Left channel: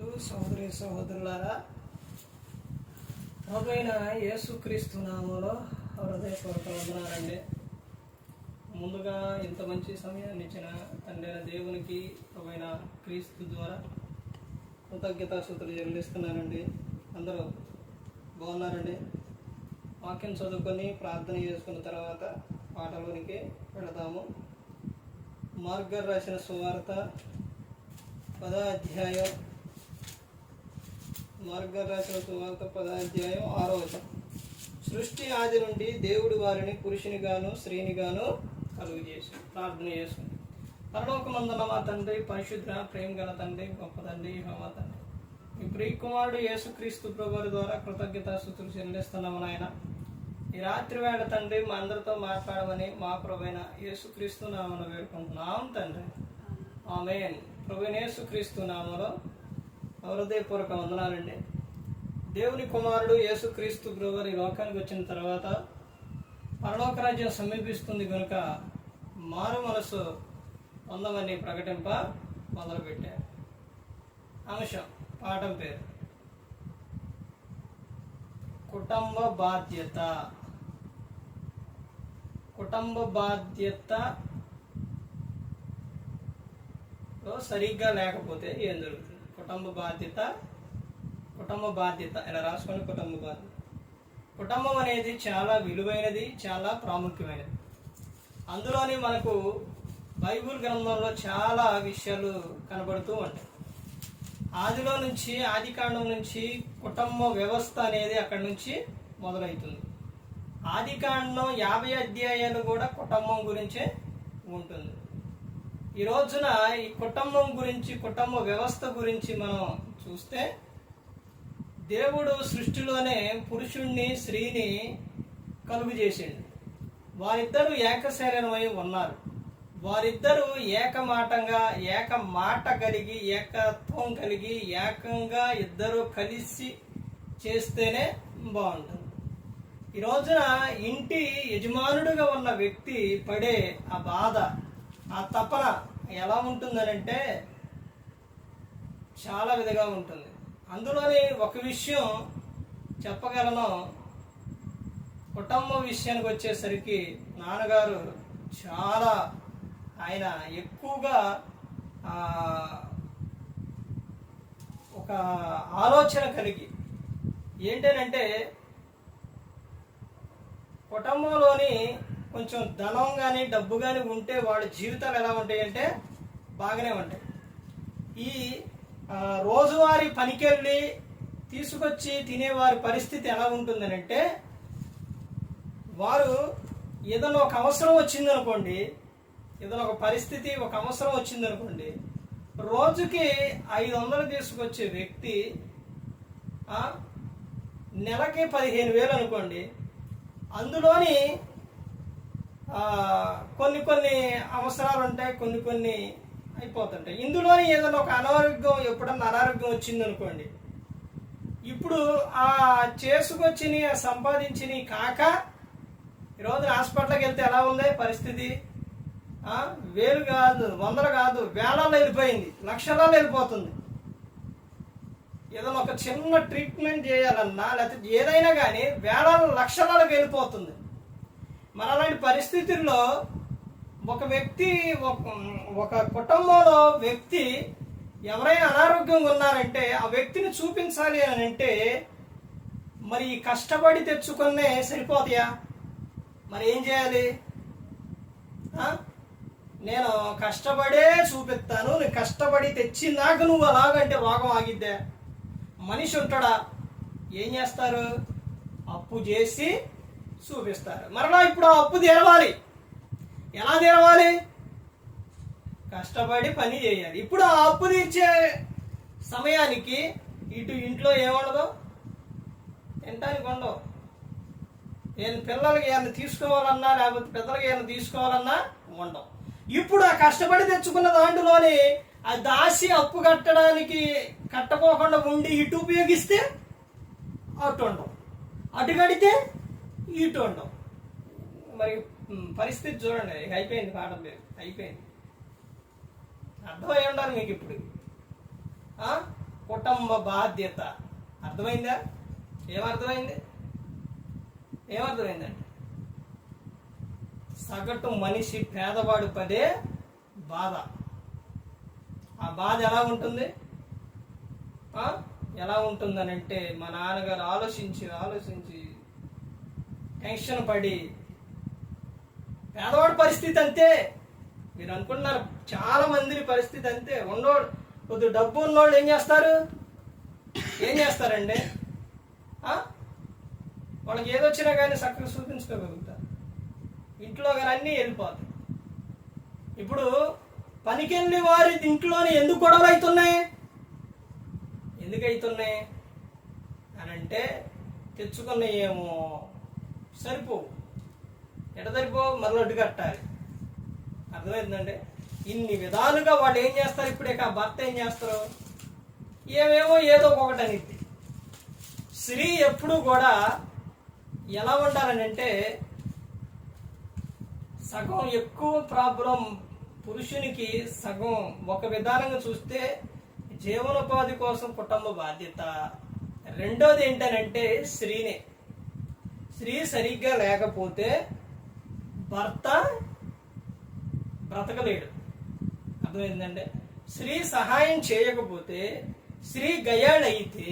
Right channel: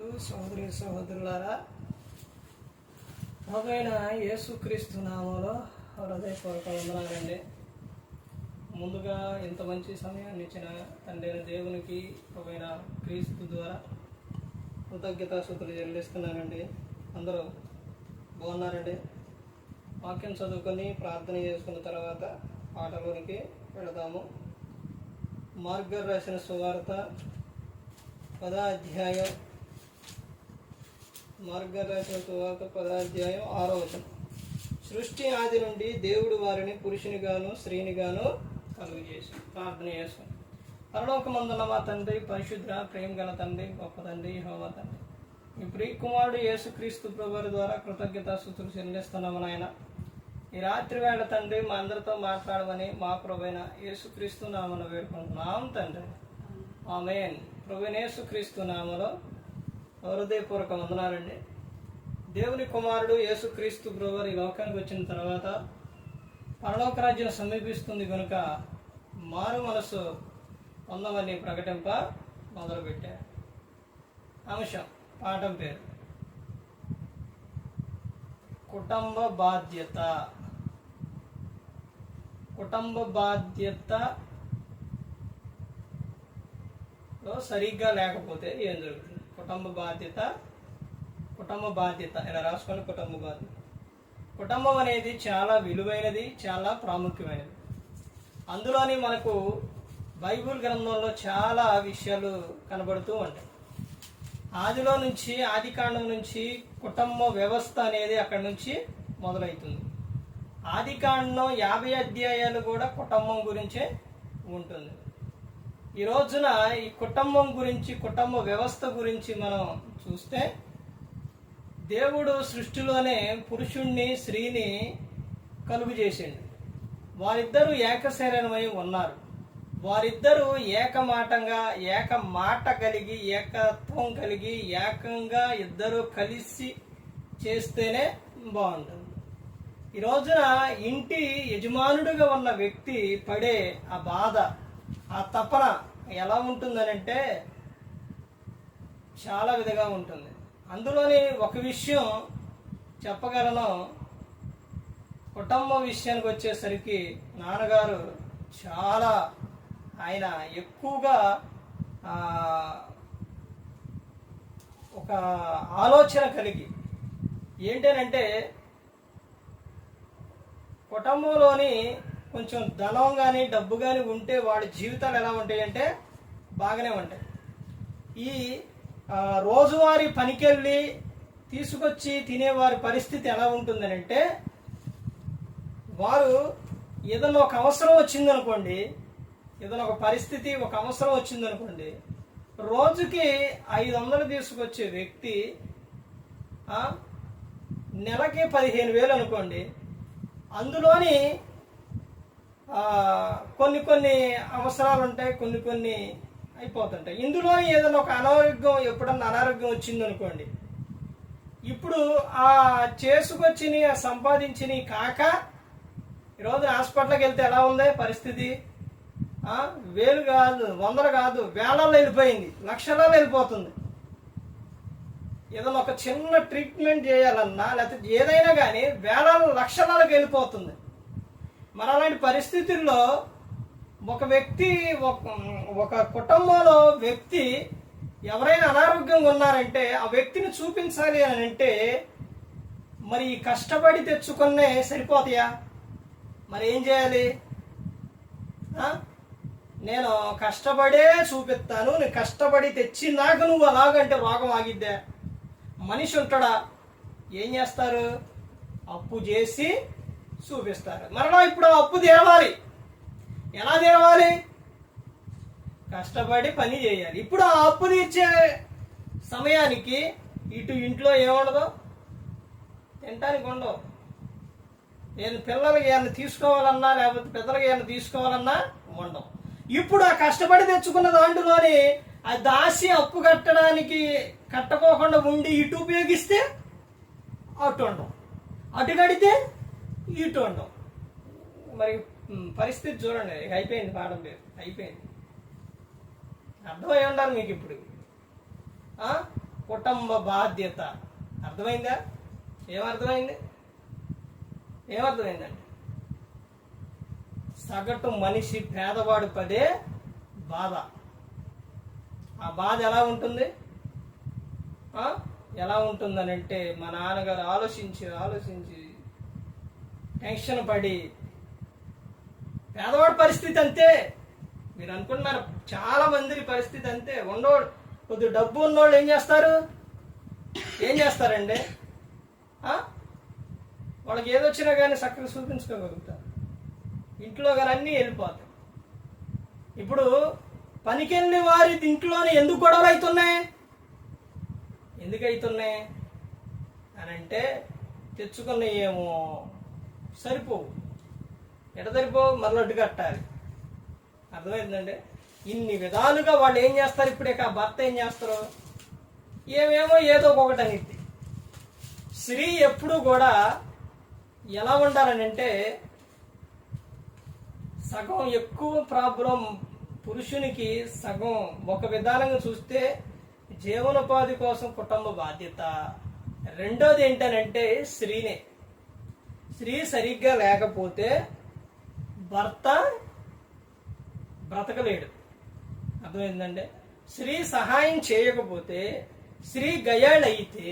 సహోదరి సహోదరులారా, ప్రభువైన యేసుక్రీస్తు నామములో హృదయపూర్వక వందనాలండి. ముందుగా ఇంత మంచి సమయాన్ని ఇచ్చిన తండ్రి దేవునికి ప్రభువైన క్రీస్తు ద్వారా కృతజ్ఞతాస్తుతులు చెల్లిస్తున్నానండి. అందరూ బాగున్నారండి. వాక్యం చదువుకొని ప్రార్థన చేసుకున్న తర్వాత పాటలోనికి వెళదాము. మార్గర్ రాసిన సువార్త 10వ అధ్యాయం, మార్గర్ రాసిన సువార్త 10వ అధ్యాయం 6వ వచనం. సృష్టి ఆది నుండి దేవుడు వారిని పురుషునిగాను స్త్రీనిగాను కలుగు చేసి ప్రార్థన చేసుకుని. పరలోకమందున్న మా తండ్రి, పరిశుద్ధ ప్రేమ గల తండ్రి, గొప్ప తండ్రి, యెహోవా తండ్రి, ఈ ప్రియ కుమారుడు యేసుక్రీస్తు ప్రభువారి ద్వారా కృతజ్ఞతాస్తుతులు చెల్లిస్తున్నాము నాయన. ఈ రాత్రి వేళ తండ్రి మా అందరితో మాట్లాడమని మా ప్రభువైన యేసుక్రీస్తు నామమున వేడుకుంటున్నాం తండ్రి. ఆమేన్. ప్రభువైన యేసుక్రీస్తు నామములో హృదయపూర్వక వందనాలండి. దేవుని కుమారుడు యేసుక్రీస్తు ప్రభువారు ఈ లోకానికి వచ్చిన తర్వాత పరలోక రాజ్యం సమీపిస్తుంది కనుక మారు మనసు పొందమని ప్రకటింప మొదలుపెట్టారు. అంశం పాఠం పేరు కుటుంబ బాధ్యత. కుటుంబ బాధ్యతలో సరిగ్గా లేకపోతే ఏం జరుగుతుంది? కుటుంబ బాధ్యత ఇలా రాసుకోండి. కుటుంబ బాధ్యత. కుటుంబం అనేది చాలా విలువైనది, చాలా ప్రాముఖ్యమైనది. అందులోని మనకు బైబిల్ గ్రంథంలో చాలా విషయాలు కనబడుతూ ఉంటాయి. ఆదిలో నుంచి, ఆది కాండం నుంచి కుటుంబ వ్యవస్థ అనేది అక్కడి నుంచి మొదలవుతుంది. ఆది కాండం 50 అధ్యాయాలు కూడా కుటుంబం గురించే ఉంటుంది. ఈ రోజున ఈ కుటుంబం గురించి, కుటుంబ వ్యవస్థ గురించి మనం చూస్తే, దేవుడు సృష్టిలోనే పురుషుణ్ణి స్త్రీని కలుగు చేసిండు. వారిద్దరూ ఏక శరీరమై ఉన్నారు. వారిద్దరూ ఏకమాటంగా, ఏక మాట కలిగి, ఏకత్వం కలిగి, ఏకంగా ఇద్దరు కలిసి చేస్తేనే బాగుంటుంది. ఈ రోజున ఇంటి యజమానుడిగా ఉన్న వ్యక్తి పడే ఆ బాధ, ఆ తపన ఎలా ఉంటుందనంటే చాలా విధంగా ఉంటుంది. అందులోని ఒక విషయం చెప్పగలను. కుటుంబ విషయానికి వచ్చేసరికి నాన్నగారు చాలా, ఆయన ఎక్కువగా ఒక ఆలోచన కలిగి ఏంటనంటే, కుటుంబంలోని కొంచెం ధనం కానీ డబ్బు కానీ ఉంటే వాళ్ళ జీవితాలు ఎలా ఉంటాయంటే బాగానే ఉంటాయి. ఈ రోజువారీ పనికెళ్ళి తీసుకొచ్చి తినేవారి పరిస్థితి ఎలా ఉంటుందనంటే, వారు ఏదైనా ఒక అవసరం వచ్చిందనుకోండి, ఏదైనా ఒక పరిస్థితి, ఒక అవసరం వచ్చిందనుకోండి, రోజుకి 500 తీసుకొచ్చే వ్యక్తి నెలకి 15,000 అనుకోండి. అందులోని కొన్ని అవసరాలు ఉంటాయి, కొన్ని అయిపోతుంటాయి. ఇందులోని ఏదైనా ఒక అనారోగ్యం, ఎప్పుడన్నా అనారోగ్యం వచ్చిందనుకోండి, ఇప్పుడు ఆ చేసుకొచ్చిన, సంపాదించిన కాక ఈరోజు హాస్పిటల్కి వెళ్తే ఎలా ఉంది పరిస్థితి? వేలు కాదు, వందలు కాదు, వేలల్లో వెళ్ళిపోయింది, లక్షలలో వెళ్ళిపోతుంది. ఏదైనా ఒక చిన్న ట్రీట్మెంట్ చేయాలన్నా, లేకపోతే ఏదైనా కానీ వేలలో లక్షలకు వెళ్ళిపోతుంది. మరి అలాంటి పరిస్థితుల్లో ఒక వ్యక్తి, ఒక కుటుంబంలో వ్యక్తి ఎవరైనా అనారోగ్యంగా ఉన్నారంటే ఆ వ్యక్తిని చూపించాలి అని అంటే మరి కష్టపడి తెచ్చుకునే సరిపోతాయా? మరి ఏం చేయాలి? నేను కష్టపడే చూపిస్తాను, నేను కష్టపడి తెచ్చినాక నువ్వు అలాగంటే రోగం ఆగిద్దా? మనిషి ఉంటాడా? ఏం చేస్తారు? అప్పు చేసి చూపిస్తారు. మరలా ఇప్పుడు ఆ అప్పు తీరవాలి. ఎలా తీరవాలి? కష్టపడి పని చేయాలి. ఇప్పుడు ఆ అప్పు తీర్చే సమయానికి ఇటు ఇంట్లో ఏముండదు, తినటానికి ఉండవు. నేను పిల్లలకి ఏమైనా తీసుకోవాలన్నా, లేకపోతే పెద్దలకి ఏమైనా తీసుకోవాలన్నా ఉండవు. ఇప్పుడు ఆ కష్టపడి తెచ్చుకున్న దాంట్లోని ఆ దాసి అప్పు కట్టకోకుండా ఉండి ఇటు ఉపయోగిస్తే అటు ఉండవు, అటు కడితే ఇటు ఉండవు. మరి పరిస్థితి చూడండి. అయిపోయింది పాఠం పేరు, అయిపోయింది. అర్థమై ఉండాలి మీకు. ఇప్పుడు కుటుంబ బాధ్యత. అర్థమైందా? ఏమర్థమైందండి? సగటు మనిషి పేదవాడు పడే బాధ. ఆ బాధ ఎలా ఉంటుంది? ఎలా ఉంటుందనంటే మా నాన్నగారు ఆలోచించి టెన్షన్ పడి, పేదవాడి పరిస్థితి అంతే. మీరు అనుకుంటున్నారు చాలా మంది పరిస్థితి అంతే. కొద్ది డబ్బు ఉన్నోళ్ళు ఏం చేస్తారండి? వాళ్ళకి ఏదొచ్చినా కానీ చక్కగా చూపించుకోగలుగుతారు. ఇంట్లో కానీ అన్నీ వెళ్ళిపోతాయి. ఇప్పుడు పనికెళ్ళి వారి ఇంట్లోనే ఎందుకు గొడవలు అవుతున్నాయి అని అంటే, తెచ్చుకున్నాయేమో సరిపోవు. సరిపోవు, మరొకటి అడ్డు కట్టాలి. అర్థమైందండి? ఇన్ని విధాలుగా వాళ్ళు ఏం చేస్తారు? ఇప్పుడే ఆ భర్త ఏం చేస్తారు? ఏమేమో ఏదో ఒకటి అనిద్ది. స్త్రీ ఎప్పుడు కూడా ఎలా ఉండాలనంటే, సగం ఎక్కువ ప్రాబ్లం పురుషునికి, సగం ఒక విధానంగా చూస్తే జీవనోపాధి కోసం కుటుంబ బాధ్యత. రెండోది ఏంటనంటే స్త్రీనే. స్త్రీ సరిగ్గా లేకపోతే భర్త బ్రతకలేడు. అర్థమైందంటే, స్త్రీ సహాయం చేయకపోతే, స్త్రీ గయాళైతే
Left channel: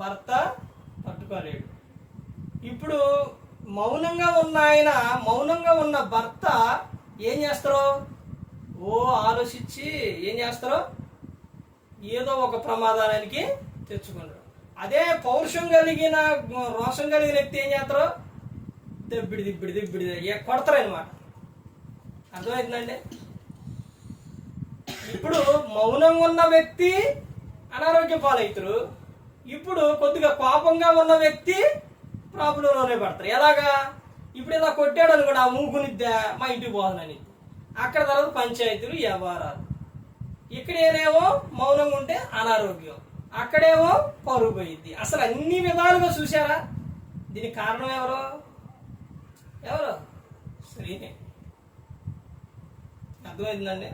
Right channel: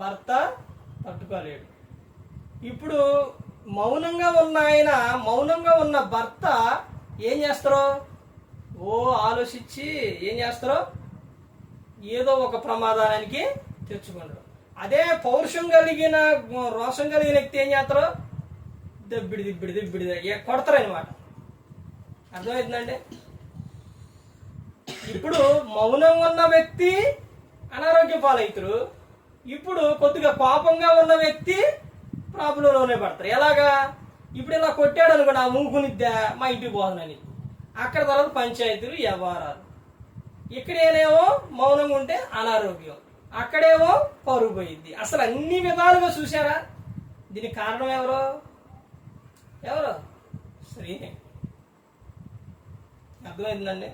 భర్త తట్టుకోలేడు. ఇప్పుడు మౌనంగా ఉన్న భర్త ఏం చేస్తారో ఆలోచించి ఏం చేస్తారో ఏదో ఒక ప్రమాదానికి తెచ్చుకుంటారు. అదే పౌరుషం కలిగిన, రోషం కలిగిన వ్యక్తి ఏం చేస్తారో దిబ్బిడి కొడతారు అనమాట. అర్థమవుతుందండి? ఇప్పుడు మౌనంగా ఉన్న వ్యక్తి అనారోగ్య పాలవుతారు. ఇప్పుడు కొద్దిగా పాపంగా ఉన్న వ్యక్తి ప్రాబ్లంలోనే పడతారు. ఎలాగా? ఇప్పుడు ఇలా కొట్టాడు అనుకోండి, ఆ మూకునిద్దా మా ఇంటికి పోదనని, అక్కడ తర్వాత పంచాయతీలు, వ్యవహారాలు. ఇక్కడేనేమో మౌనంగా ఉంటే అనారోగ్యం, అక్కడేమో పరుగు పోయిద్ది. అసలు అన్ని విధాలుగా చూసారా? దీనికి కారణం ఎవరు? స్త్రీనే. అర్థమైందండి?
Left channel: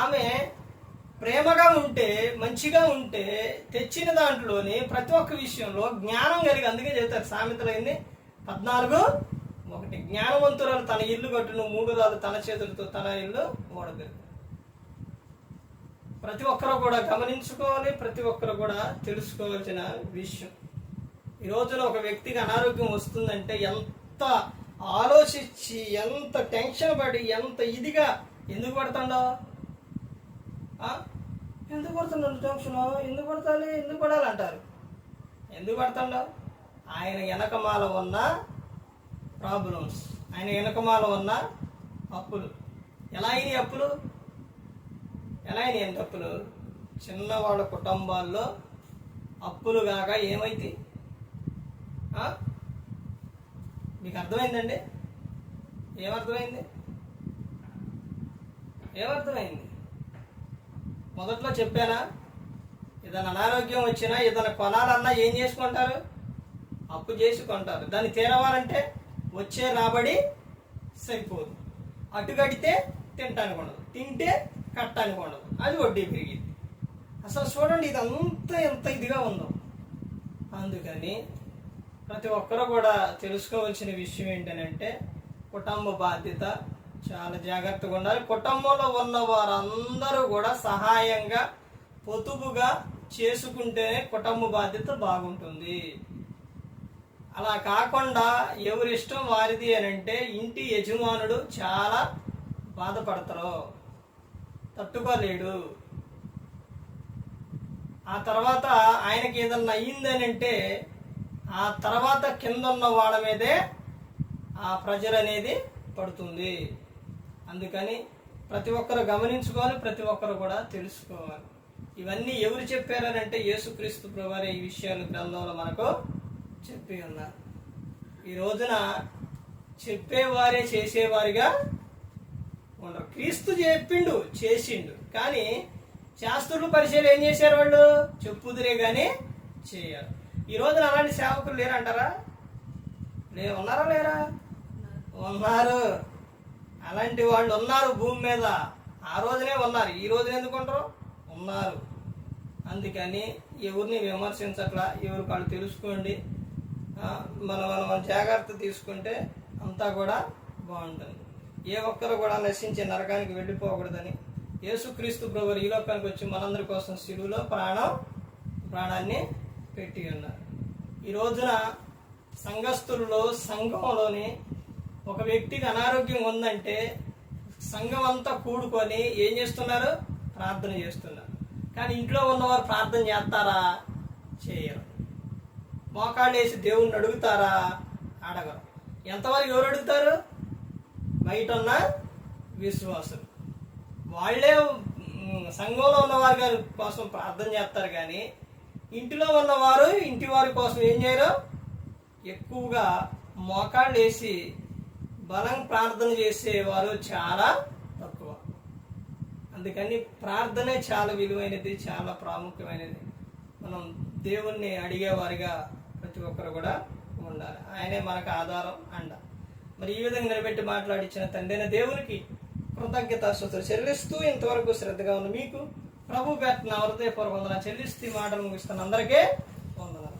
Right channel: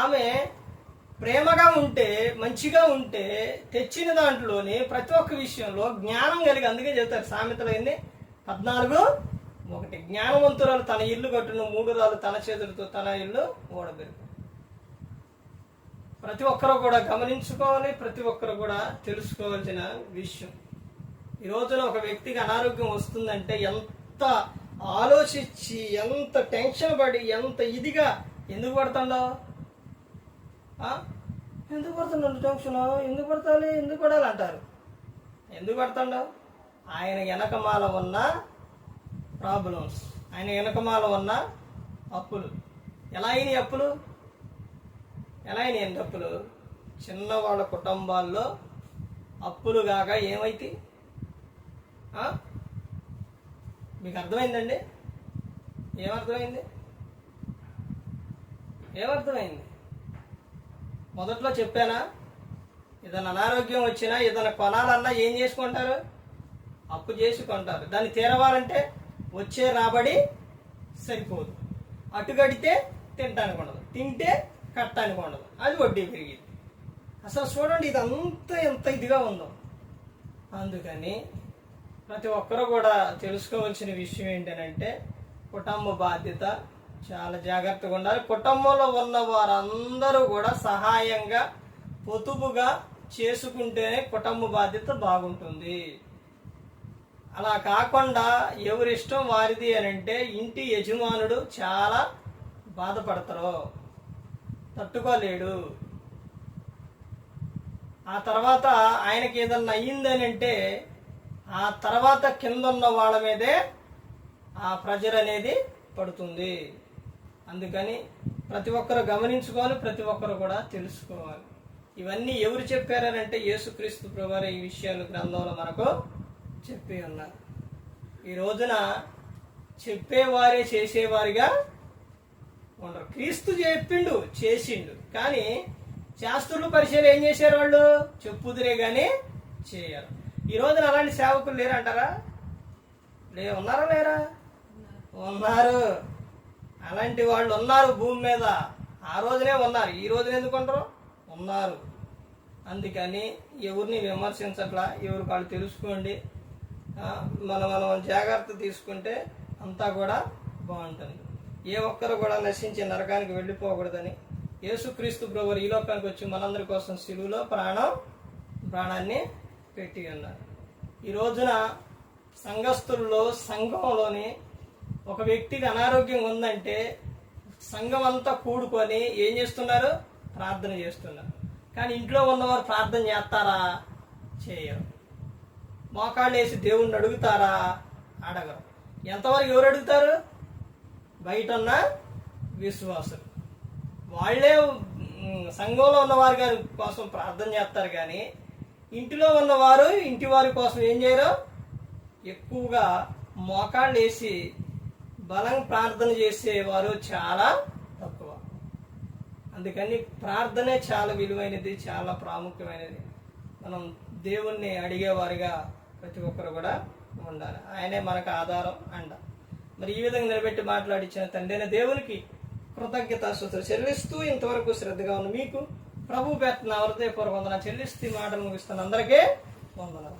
ఆమె ప్రేమగా ఉంటే, మంచిగా ఉంటే, తెచ్చిన దాంట్లోని ప్రతి ఒక్క విషయంలో జ్ఞానం కలిగి, అందుకే చెబుతారు సామెతలు 14:1, జ్ఞానవంతురాలు తన ఇల్లు కట్టును, 3 రాళ్ళు తన చేతులతో తన ఇల్లు ఓడబెరుగు. ప్రతి ఒక్కరు కూడా గమనించుకోవాలి, ప్రతి ఒక్కరు కూడా తెలుసుకోవాల్సిన విషయం. ఈ రోజున ఒక వ్యక్తికి అనారోగ్యం వస్తుందంటే ఎంత ఆలోచించి, ఎంత టెన్షన్ పడి, ఎంత ఇదిగా ఎందుకు పడుతుండో? ఎందుకు పడుతున్నాడు టెన్షన్? ఎందుకు పడాలి అంటారు. ఎందుకు పడుతుండో? ఆయన వెనకమాల ఉన్న ప్రాబ్లమ్స్, ఆయన వెనకమాల ఉన్న అప్పులు. ఎలా అయినాయి అప్పులు? చిన్నవాళ్ళ కుటుంబాల్లో అప్పులు కాక ఏమైతే? మీకు అర్థమైందండి? ఏమర్థమైంది? మొదట్లో చెప్పానా? ఏదైనా అనారోగ్యం వచ్చినా, ఏదైనా కొనాలన్నా ఏం చేసుకుంటారు? అప్పు చేసి కొంటారు. దాన్ని తీరవాలంటే వచ్చే రాబడి సరిపోదు. అటు కడితే తినటానికి ఉండదు, తింటే కట్టడానికి ఉండదు, అది వడ్డీ పెరిగింది. అసలు చూడండి ఇదంతా ఎంత ఇదిగా ఉందో. అందుకని ప్రతి ఒక్కరు కూడా తెలుసుకోవాల్సిన విషయం ఏంటంటే, కుటుంబ బాధ్యత చాలా జాగ్రత్తగా ఉండాలి. కుటుంబంలో ఉన్న వారందరూ కూడా సహాయంగా, పొదుపుగా చేసుకుంటేనే కుటుంబ బాధ్యత బాగుంటుంది. అలా కాకుండా ఎవరిష్టం వారిది అని అంటే ఇంటి యజమానుడు చాలా బాధపడతారు, తట్టుకోలేడు. ఆ తర్వాత ఆయనకి ఏదన్నా అయ్యిందని అంటే ఆ తర్వాత కింద ఉన్న వాళ్ళ మీదే ఆ ప్రెజర్ అనేది పడుతుంది. అందుకని ప్రతి ఒక్కరు గమనించుకోవాలి, ప్రతి ఒక్కరు కూడా తెలుసుకోవాలి. ఇవన్నీ ఎవరు చెప్పారనంటే యేసుక్రీస్తు ప్రభువారు ఈ విషయాలు గ్రంథంలో మనకు చెప్పి ఉన్నారు. ఈ రోజున చెప్పేవారే చేసేవారిగా ఉండరు. క్రీస్తు చెప్పిండు, చేసిండు, కానీ శాస్త్రులు పరిచయం ఏం చేశారు? వాళ్ళు చెప్పుదురే కానీ చేయరు. ఈ రోజున అలాంటి సేవకులు లేరంటారా? ఉన్నారా లేరా? ఉన్నారు. అలాంటి వాళ్ళు ఉన్నారు భూమి మీద. ఆ రోజునే ఉన్నారు, ఈ రోజున ఎందుకు ఉండరు? ఉన్నారు. అందుకని ఎవరిని విమర్శించట్లా, ఎవరికి వాళ్ళు తెలుసుకోండి. మనం జాగ్రత్త తీసుకుంటే అంతా కూడా బాగుంటుంది. ఏ ఒక్కరు కూడా నశించి నరకానికి వెళ్ళిపోకూడదని యేసుక్రీస్తు ప్రభువు ఈ లోకానికి వచ్చి మనందరి కోసం శిలువలో ప్రాణాన్ని పెట్టి ఉన్నారు. ఈ రోజున సంఘస్థుల్లో సంఘంలోని ఒక వ్యక్తికి అనారోగ్యం ఉందంటే సంఘం అంతా కూడుకొని ఏం చేస్తున్నారు? ప్రార్థన చేస్తున్నారు. కానీ ఇంట్లో ఉన్నవారు ప్రార్థన చేస్తారా? చేయరు. మోకాళ్ళు వేసి దేవుణ్ణి అడుగుతారా? అడగరు. ఎంతవరకు ఎవరు అడుగుతారు? బయట ఉన్న విశ్వాసులు. వాళ్ళే సంఘంలో ఉన్నవారి కోసం ప్రార్థన చేస్తారు, కానీ ఇంటిలో ఉన్నవారు ఇంటి వారి కోసం ఏం చేయరు? ఎక్కువగా మోకాళ్ళు వేసి బలం ప్రార్థన చేసేవారు చాలా తక్కువ. అందుకని ప్రార్థనే చాలా విలువైనది, చాలా ప్రాముఖ్యమైనది. మనం దేవుణ్ణి అడిగేవారిగా ప్రతి ఒక్కరు కూడా ఉండాలి. ఆయనే మనకు ఆధారం, అండ. మరి ఈ విధంగా నిలబెట్టి మాట్లాడించిన తండ్రి అయిన దేవునికి కృతజ్ఞతాస్తుతులు చెల్లిస్తూ ఇంతవరకు శ్రద్ధగా ఉన్న మీకు ప్రభు పేరున హృదయపూర్వక వందనాలు చెల్లిస్తూ మాటలు ముగిస్తున్న అందరికీ వందనాలు.